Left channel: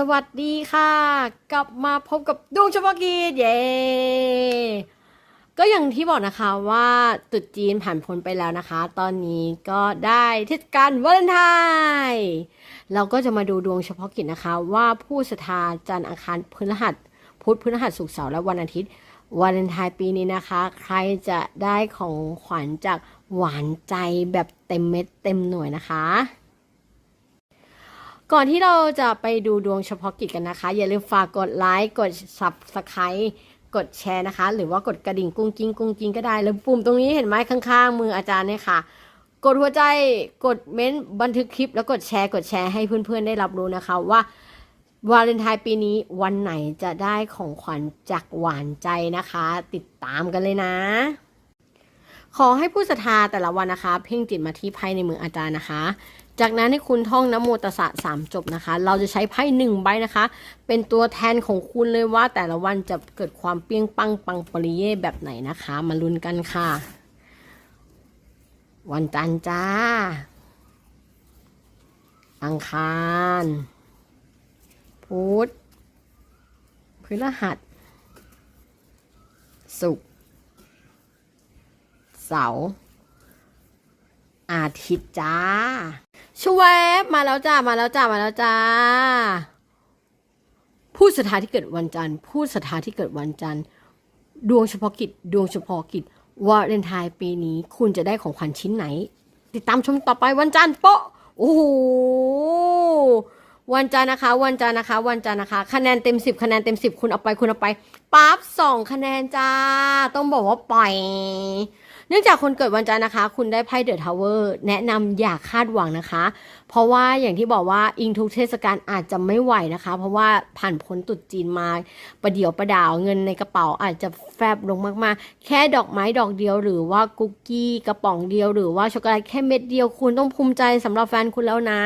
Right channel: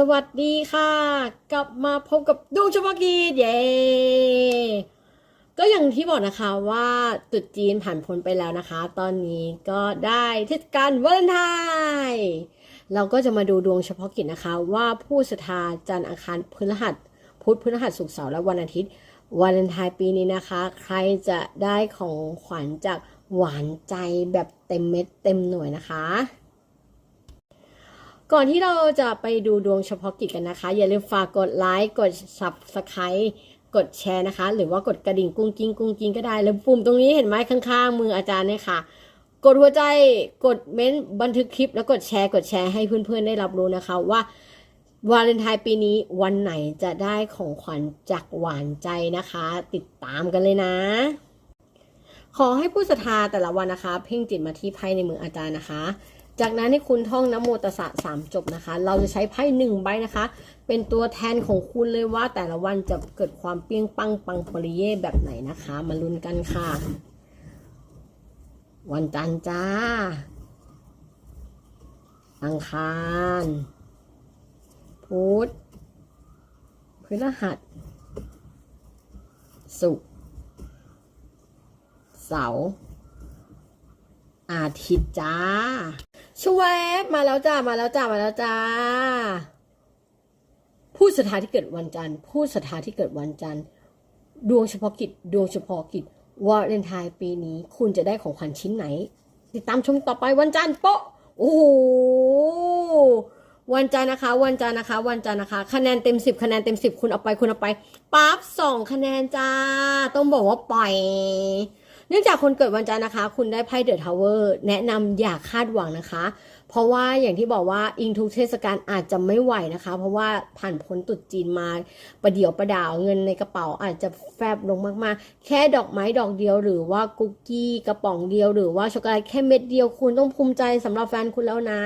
สวัสดีค่ะ กลับมาพบกับดวงเฉพาะกิจเย้ก็อย่างที่บอกนะคะว่าตรุษจีนผ่านพ้นไปแล้วนะคะ ตอนนี้ก็ได้เทศกาลวาเลนไทน์เราก็จะมาดูดวงเฉพาะกิจนะคะ ว่าผู้ศรัทธาจันทร์อังคารพฤหัสพุธพฤหัสศุกร์เสาร์และวันอาทิตย์วาเลนไทน์ปีนี้นะคะ ใครจะได้ของขวัญจากหวานใจแบบเต็มเม็ดเต็มหน่วยนะคะ ก่อนที่เราจะไปดูดวงเฉพาะกิจกันนะคะ อย่าลืมฝากกดไลค์กด subscribe กดแชร์นะคะ หรือว่ากดกระดิ่งกุ้งกิ้งกุ้งกิ้งก็ได้ แล้วปุ่มตรงนี้เห็นไหมข้างๆ มืออาจารย์เนี่ยค่ะ กดหัวใจกดเม้นต์บันทึกคลิป แล้วกดแชร์กดแชร์ให้เพื่อนๆได้รับรู้นะคะว่าวาเลนไทน์ปีนี้วันไหนจะได้ของขวัญจากหวานใจนะคะ ติดตามกันเลยนะ ขอให้ผู้ศรัทธาแต่ละวันนะคะ เพ่งจิตมาที่ไพ่ในมืออาจารย์นะคะ จากนั้นให้คุณท่องนะโมตสะสามจบนะคะ เราจะใช้ไพ่หนึ่งใบนะคะ เป็นตัวแทนของคุณเลยว่าแต่ละวันจะเกิดความเปี้ยงปังปังปริเย่แบบไหนนะคะ มาลุ้นกันค่ะ วันจันทร์จ้า อังคาร พุธพฤหัส ศุกร์เสาร์ อาทิตย์จ้าชวบมาแล้วจ้ามาแล้วจ้ามาแล้วจ้า ผู้ศรัทธาที่เกิดวันจันทร์ ผู้ศรัทธาที่เกิดวันจันทร์ ดวงเฉพาะกิจ ดวงเฉพาะกิจวาเลนไทน์ปีนี้ คุณจะได้ของขวัญชิ้นไหน ติดตามชมต่อไปวันจันทร์โปะโอ้โหวันจันทร์นะคะ วันจันทร์นะคะ วันจันทร์นะคะ คะแนนเต็มสิบคะแนนเต็มสิบคุณเอาไปคุณเอาไปปั๊บสองคะแนนจ้า ต้องบอกว่าปล่อย เนื่องจากคนเกิดวันจันทร์นะคะ คุณได้ไพ่เดอะทาวเวอร์แนะนำอย่าคาดหวังนะคะ เพราะว่าอย่างที่บอกว่าอิงทุกเทศกาลอาจจะไม่ไหวนะคะ เพราะว่าผ่านพ้นตรุษจีนมาประเดี๋ยวประดาวเงินในกระเป๋าอาจจะแฟบลงมากๆ แค่ดอกไม้ดอกเดียว หรือว่ากุกกี้กระป๋องเดียว หรือว่าช็อกโกแลตแค่เม็ดเดียวคุณต้องภูมิใจสำหรับแฟนคุณแล้วนะ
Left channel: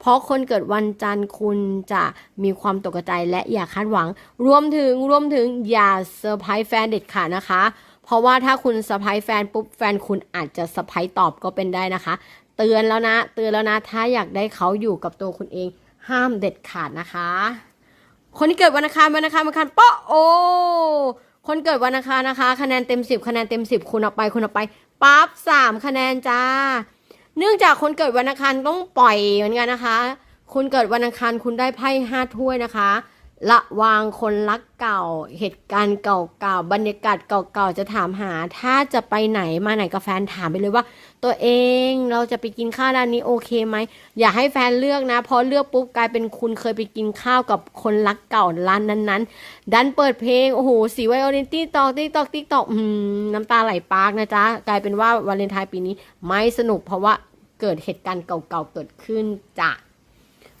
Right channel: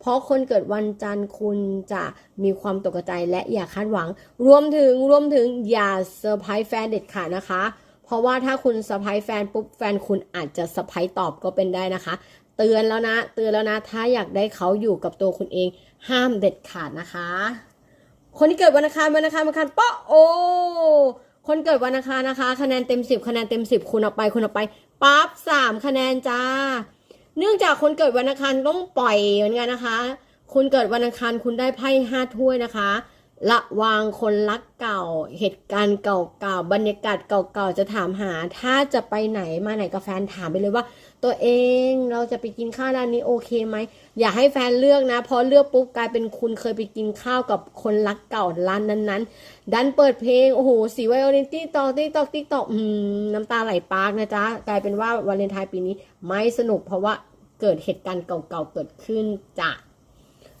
เพราะคนเกิดวันจันทร์คุณจะมีความตกใจและอย่าคาดหวัง รวมถึงรวมถึงอย่าเซอร์ไพรส์แฟนเด็ดขาดนะคะ เพราะว่าถ้าคุณเซอร์ไพรส์แฟนปุ๊บแฟนคุณอาจจะเซอร์ไพรส์ตอบก็เป็นได้นะคะ เตือนแล้วนะ เตือนแล้วนะ ถ้าอยากได้เขาอยู่กับตัวคุณเอง ห้ามเด็ดขาดนะคะ คนที่เกิดวันอังคารวันอังคารวันอังคารปาะโอคนเกิดวันอังคารนะคะ คะแนนเต็มสิบคะแนนเต็มสิบคุณเอาไปคุณเอาไปปั๊บสามคะแนนจ้า เนื่องจากคนเกิดวันอังคารต้องปล่อยเหมือนกันนะคะ คุณเกิดวันอังคารคุณได้ไพ่ห้าถ้วยนะคะ ระวังคนรักเก่า เหตุการณ์เก่าๆ บรรยากาศเก่าๆ จะถามหา ถ้าจะไปไหนมาไหนกับแฟนถามไปเลยว่า ตัวเองเราจะไปกินข้าวร้านนี้โอเคไหม อย่าให้แฟนเลือกนะพอเลือกปุ๊บกลายเป็นคุณเคยไปกินข้าวกับคนรักเก่าร้านนั้นๆ ดันเปิดเพลง โอ้โห สีไวโอลินตี้ตอกติ๊กตอกติ๊กตอกน้ำตาไหลปากนะจ๊ะ กลายเป็นว่าวาเลนไทน์ปีนี้ไม่สนุกเพราะว่าเกิดเหตุการณ์เก่าๆ เกิดขึ้นจ้ะ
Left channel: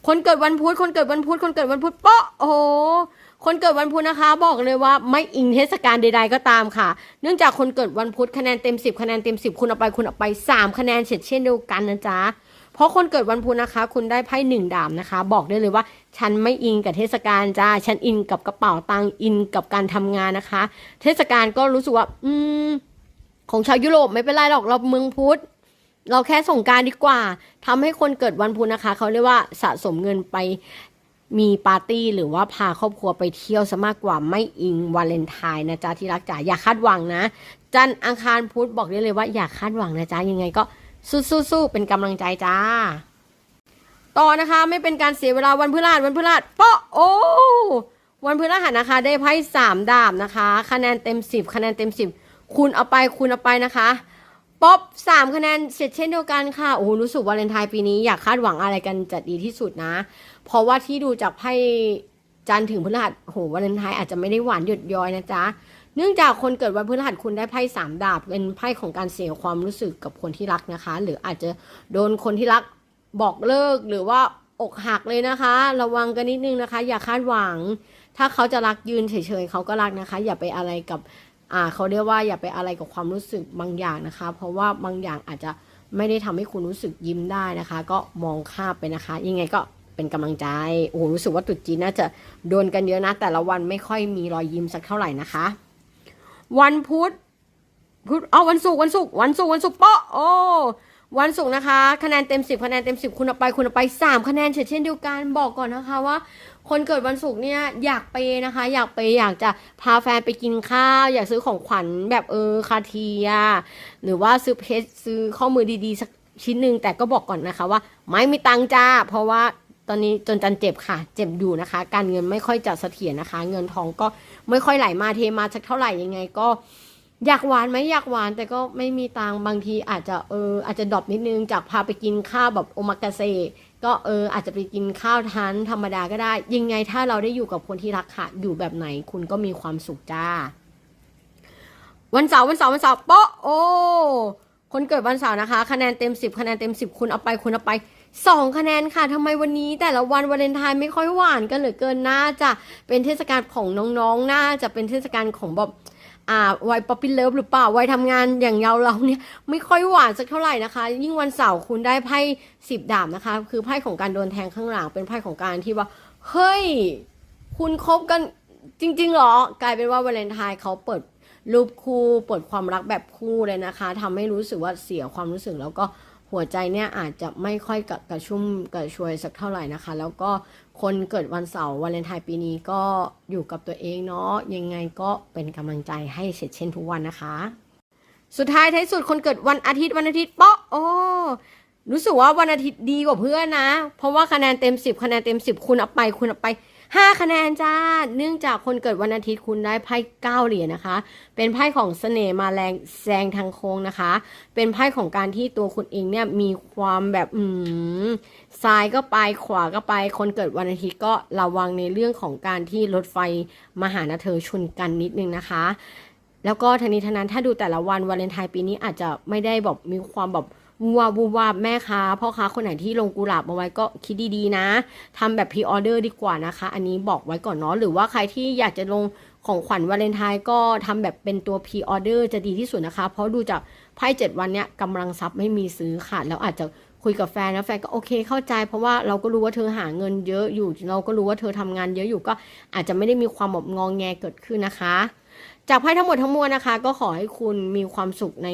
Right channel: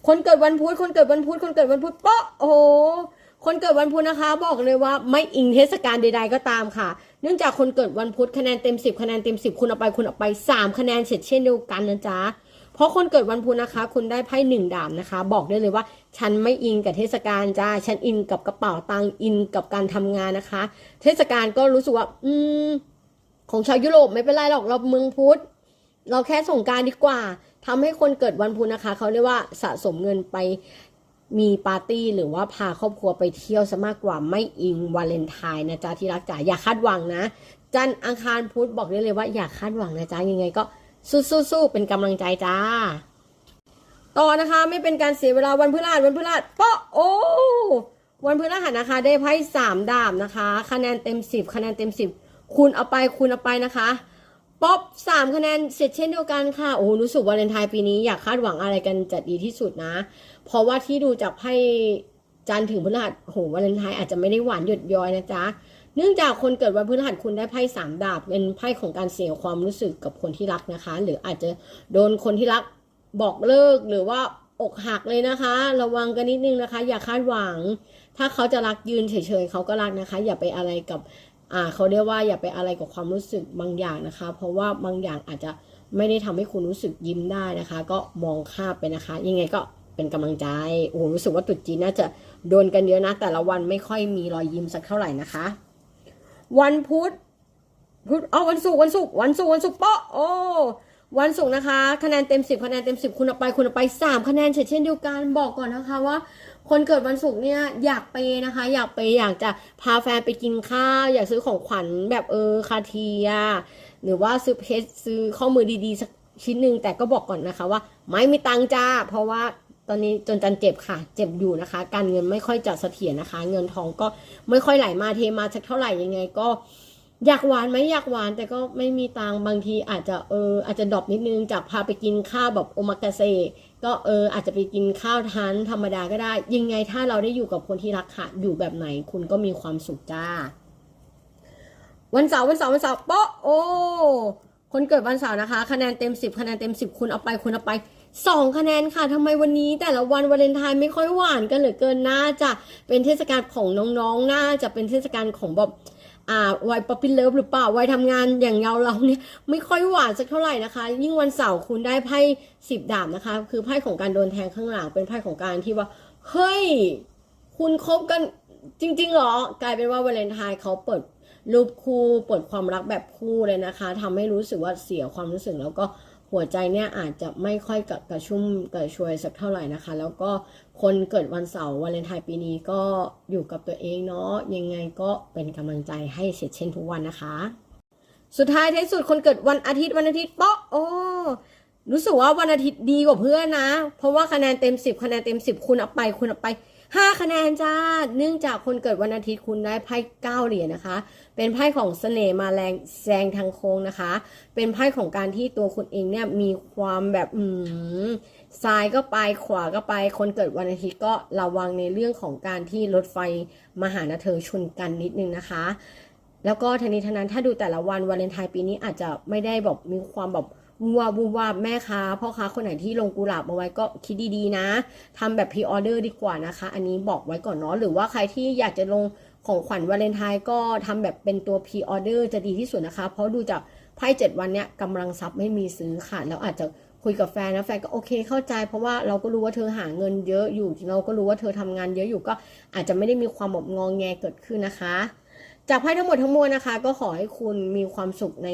คนเกิดวันพุธคนเกิดวันพุธคนเกิดวันพุธเปาะโอ้โหคนเกิดวันพุธนะคะ บอกเลยว่าไม่อิงเทศกาลใด ๆ ก็ตามค่ะ เนื่องจากคนเกิดวันพุธคะแนนเต็ม 10 คะแนนเต็ม 10 คุณเอาไปคุณเอาไป 3 คะแนนเฉดเช่นเดียวกันนะจ๊ะเพราะคนเกิดวันพุธนะคะ คุณได้ไพ่หนึ่งดาบนะคะ บอกได้เลยว่า ฉันไม่อิงกับเทศกาลจ้าฉันอินกับกระเป๋าตังค์อินกับการทำงานนะคะ เทศกาลก็รู้สึกว่า อืมของชาวยุโรปไม่เป็นไรหรอกเราเมืองพุธ เราแค่ส่งการดีกว่าทำให้คนเกิดวันพุธนะคะ เขาเรียกว่าสะสมเงินไปมีปาร์ตี้หรือว่าพาครอบครัวไปเที่ยวซะมากกว่าไม่อิงวาเลนไทน์นะจ๊ะที่รักจ๋าอย่าคาดหวังนะ จันอังคารพุธบอกได้เลยว่าอย่าคาดหวังนะจ๊ะยังไงก็สู้ๆเป็นกำลังใจจ้า ต่อนะคะไม่เป็นการเสียเวลาวันพฤหัสวันพฤหัสเปาะโอ้วันพฤหัสนะคะ ได้ไพ่สามดาบนะคะ คะแนนเต็มสิบคะแนนเต็มสิบคูณเอาไปคูณเอาไปนะคะ ป๊อปสามคะแนนเสร็จเช่นเดียวกันค่ะ โอ้โห รู้สึกวาเลนไทน์ปีนี้อยากคาดหวังอะไรกันจะดีที่สุดนะ เพราะว่าที่ดูจากไพ่จันถึงพฤหัสโหวาเลนไทน์อาจจะไม่ได้หวานหยดย้อยนะจ๊ะ เนื่องจากคนเกิดวันพฤหัสคุณได้ไพ่สามดาบ เป็นไพ่ของการเสียความรู้สึกกับคนที่รักนะคะ หรืออาจจะโดนคนที่รักบอกเลิกหรือว่าอกหักเลยนะคะ ระวังกันนิดนึงนะคะ อย่าคาดหวัง ถ้าเขาจะรักยืนเฉยๆเขาก็รักนะคะ อย่าไปอะไรกับ อ่าเขาเรียกว่าอย่าไปอะไรกับความรู้สึกบางอย่างนะคะ เพราะว่าบางอย่างอาจจะไม่ได้ทำให้คุณรู้สึกยิ้มได้นะคะ ก็มองข้ามไปนะคะ ยังไงก็เป็นกำลังใจโอ้โหรู้สึกว่าตรุษจีนน่าจะโดนกันเยอะนะ แต่ละวันไม่ค่อยมีรอยยิ้มสักเท่าไหร่นะคะ วันพุธพุธเอาวันศุกร์วันศุกร์วันศุกร์วันศุกร์เปาะโอ้วันศุกร์นะคะ คะแนนเต็ม10คะแนนเต็ม10คุณเอาไปคุณเอาไป3คะแนนเฉดเช่นเดียวกันบอกก่อนนะคะว่า คนเกิดวันศุกร์เนี่ยอยากไปนะคะ อยากไปอยากจะพาแฟนไปกินข้าว อยากซื้อของขวัญแบบเออคาเทีย หรือว่าซื้อเพชรซื้อข้อมือดีๆสักชิ้นหนึ่งแต่ก็บอกก่อนนะคะว่าไม่มีตังจ้า เพราะว่าตอนนี้จนจันเจ็บค่ะ เจ็บอยู่นะคะ การเงินไม่ค่อยจะเสถียรนะคะ เงินทองก็ไม่ค่อยไหลมาเทมาสักเท่าไหร่ยังไงก็อยากหวานไหมอยากหวานแต่ก็ไม่มีตังบางทีอาจจะเอออาจจะดรอปนิดนึงจากพาไปกินข้าวแบบโอมากาเซ ก็เอออาจจะไปกินข้าวทานธรรมดาก็ได้ ยังไงถ้าเราได้อยู่กับคนที่รักค่ะ อยู่แบบไหนคุณก็มีความสุขจ้า วันเสาร์วันเสาร์วันเสาร์โปะโอ้คนเกิดวันเสาร์นะคะ คะแนนเต็มสิบคะแนนเต็มสิบคุณเอาไปคุณเอาไปสองคะแนนค่ะทำไมวันนี้แต่ละวันวาเลนไทน์ไม่ค่อยหวานกันเหลือเกินน่าจะเป็นเทศกาลของน้องๆน่าจะเป็นเทศกาลของแบบ อ่าวัยป๊อปปี้เลิฟหรือเปล่าวัยทำงานอย่างเราเราเนี่ยไม่ค่อยหวานสักเท่าไหร่นะคะ ยิ่งวันเสาร์คุณได้ไพ่สิบดาบนะคะ คือไพ่ของการโดนแทงข้างหลังเป็นไพ่ของการที่ว่า เฮ้ย คุณคบกันจริงๆหรอกลายเป็นว่าวาเลนไทน์เขาเปิดรูปคู่เปิดความรักแบบคู่เลยนะคะทำให้รู้สึกว่าเสียความรู้สึกแล้วก็ หัวใจเนี่ยอาจจะไม่ค่อยกระกระชุ่มกระชวยสักเท่าไหร่นะคะ แล้วก็คนเกิดวันเสาร์วาเลนไทน์ปีนี้ก็อยู่กับตัวเองเนาะยังไงก็เป็นกำลังใจให้เสร็จเช่นทุกวันนะคะ สุดท้ายท้ายสุดคนเกิดวันอาทิตย์วันอาทิตย์เปาะโอ้รู้สึกว่าวันอาทิตย์ดีกว่าเพื่อนนะ เพราะว่าคะแนนเต็มสิบคะแนนเต็มสิบคุณเอาไป คุณเอาไป ห้าคะแนนจ้า เนื่องจากคนเกิดวันอาทิตย์คุณได้ไพ่เก้าเหรียญนะคะ เป็นไพ่ของเสน่ห์มาแรงแซงทางโค้งนะคะ เป็นไพ่ของการที่ตัวคุณเองเนี่ยมีความแบบอืมซ้ายก็ไปขวาก็ไป คนเกิดวันอาทิตย์ก็ระวังในเรื่องของการที่รถไฟมาหานะเธอชนกันนิดนึงนะคะแล้วก็ทันนี้ทันนั้นถ้าดูแต่ละวันวาเลนไทน์ปีนี้อาจจะไม่ได้แบบมีความแบบ วูวาวูวาบแม่ค้าพ่อค้าคนไหนที่ลงกุหลาบเอาไว้ก็คิดดีๆนะทำแบบพรีออเดอร์ดีกว่านะคะ อันนี้บอกไว้ก่อนเนาะหรือว่าใครที่อยากจะลงของขวัญวาเลนไทน์ก็ทำแบบเป็นตัวพรีออเดอร์จะดีที่สุดนะคะ เพราะดูจากไพ่เจ็ดวันเนี้ยกำลังทรัพย์ไม่มีซื้อค่ะแล้วอาจจะคุยกับแฟนแล้วแฟนก็โอเคเข้าใจ เพราะว่าเราก็รู้ว่าเธอหาเงินเยอะอยู่ เราก็รู้ว่าเธอทำงานเยอะอยู่ก็อาจจะไม่ได้มีความแบบงองแงเกิดขึ้นนะคะ จากไพ่ทั้งหมดทั้งมวลนะคะ ก็ขอให้คุณมีความสุขใน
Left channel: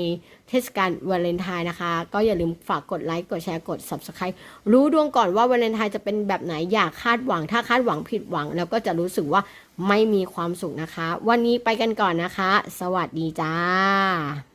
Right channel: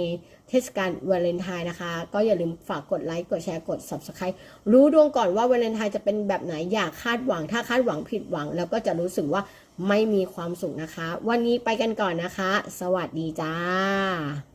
เทศกาลวาเลนไทน์นะคะ ก็อย่าลืมฝากกดไลค์กดแชร์กด Subscribe รู้ดวงก่อนว่าวาเลนไทน์จะเป็นแบบไหนอย่าคาดหวัง ถ้าคาดหวังผิดหวัง แล้วก็จะรู้สึกว่าไม่มีความสุขนะคะ วันนี้ไปกันก่อนนะคะ สวัสดีจ้า